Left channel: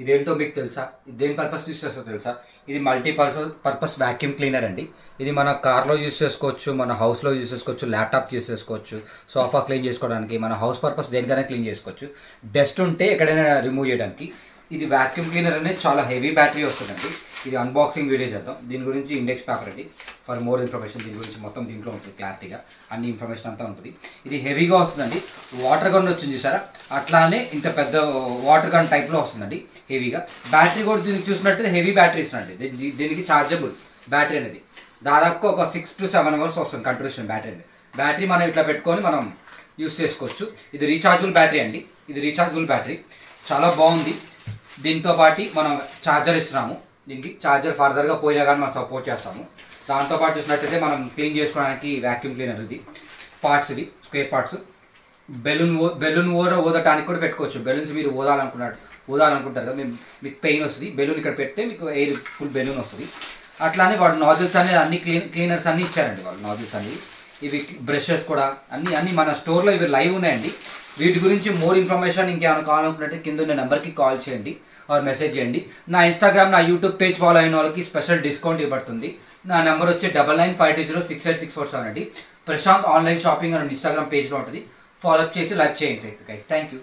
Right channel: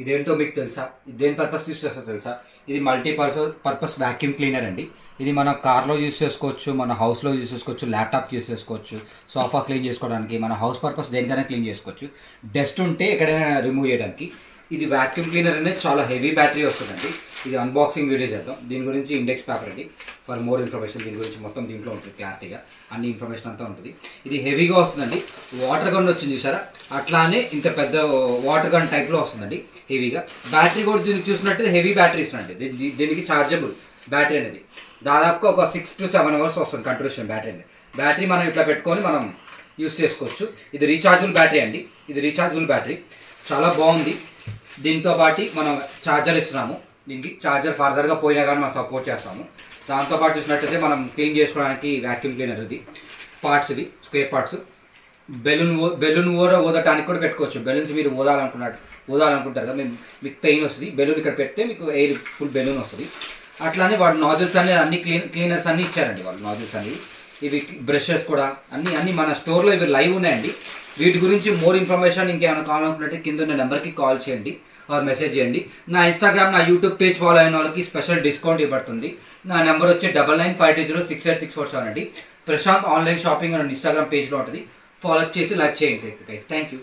ఇదేంటో మీకు తెలుసా? ఇది దేని పర్పస్ యూస్ చేస్తో తెలుసా? ఇది పర్పస్ వాక్యూమ్ క్లీనర్ అండి. ఇది మన కార్లో యూస్ చేసుకోవచ్చు, మన హౌస్లో యూస్ చేసుకోవచ్చు, ల్యాప్టాప్ యూస్ చేసుకోవచ్చు, సోఫా క్లీన్ చేసుకోవడానికి, మన హౌస్ పర్పస్ దేనికైనా క్లీన్ చేసుకోవచ్చు. డస్ట్ ఉంటే ఎక్కడైనా రిమూవ్ చేయడానికి. ఇది వాక్యూమ్ క్లీనర్ అనేది చాలా హెవీ బ్యాటరీ వస్తుందండి. ఇది అన్బాక్సింగ్ వీడియో చేద్దాం. దీని గురించి ఇండెక్స్ పేపర్ అండి. ఫర్ మోర్ ఇన్ఫర్మేషన్ దీని గురించి మొత్తం దీంట్లో ఉంటుంది, క్లారిటీగా అన్ని ఇన్ఫర్మేషన్ అంతా ఉంటుంది. ఇది హెవీగా వస్తుందండి. వాటర్ గన్ వచ్చింది చూసారా, అట్లానే ఇంత పెద్ద వాటర్ గన్ టైప్లో వస్తుందండి హెవీగా. బ్యాటరీ కూడా దీనికి చూసినట్టు హెవీ బ్యాటరీ ఇస్తుందండి. దీనికి ఛార్జబుల్ బ్యాటరీ అనేది దాదాపుగా ఒక 6 to 7 hours వస్తుంది కంట్రిబ్యూషన్ బ్యాటరీ అనేది. బ్యాటరీ మనం ఇట్లా పెట్టుకొని మనం యూస్ చేసుకోవచ్చు. ఇది రీఛార్జబుల్ బ్యాటరీ అండి. ఇది రీఛార్జబుల్ బ్యాటరీ చాలా బాగుంది. దీంతో పాటు మనం ఛార్జర్ ఇస్తున్నాము. దీనికి ఛార్జర్ ఫర్దర్గా పోయినా కానీ మనం సపోర్ట్ చేస్తాము. దాంతోపాటు చూసినట్టయితే మనం క్లీన్ చేసుకోవడానికి వ్యాక్యూమ్ క్లీనర్ ఇది పార్ట్స్, ఇది స్క్వేర్ పార్ట్స్. బెలూన్ ఊదటానికి కూడా పెట్టుకోవచ్చు. బెలూన్స్ మీరు ఊదాలనుకుంటారు కదా, మీకు పెయిన్ వస్తుంది, బెలూన్ ఇక్కడ పెడితే మీకు ఎయిర్ ఫుల్ బెలూన్ వస్తుంది. అట్లానే వాడు నాజిల్స్ అనేది అన్ని క్లీనర్స్ అన్నీ ఇచ్చారండి వాళ్ళు, నాజిల్స్ అన్ని. ఇవి బ్రషెస్ కూడా అన్ని మన స్టోర్లో ఇవి లైవ్ ఉన్నాయండి. వీటి గురించి మోర్ ఇన్ఫర్మేషన్ ఇంకేమైనా కావాలనుకున్నట్టు కింద ఉన్న నెంబర్కి కాల్ చేయండి ఆర్ మెసేజ్ చేయండి. నా ఇన్స్టాగ్రామ్, నా యూట్యూబ్ పేజ్ ఫాలో అయిన వాళ్ళకి స్పెషల్ డిస్కౌంట్ ఇవ్వబడుతుంది. నా నెంబర్ వచ్చి 9952068647 అండి. ప్రశాంత్ ఆన్లైన్ షాపింగ్ అని ఇన్స్టాగ్రామ్ పేజ్లో ఉంటుంది. ఫాలో అప్ చేసి లైక్ చేయండి గైస్. Thank you.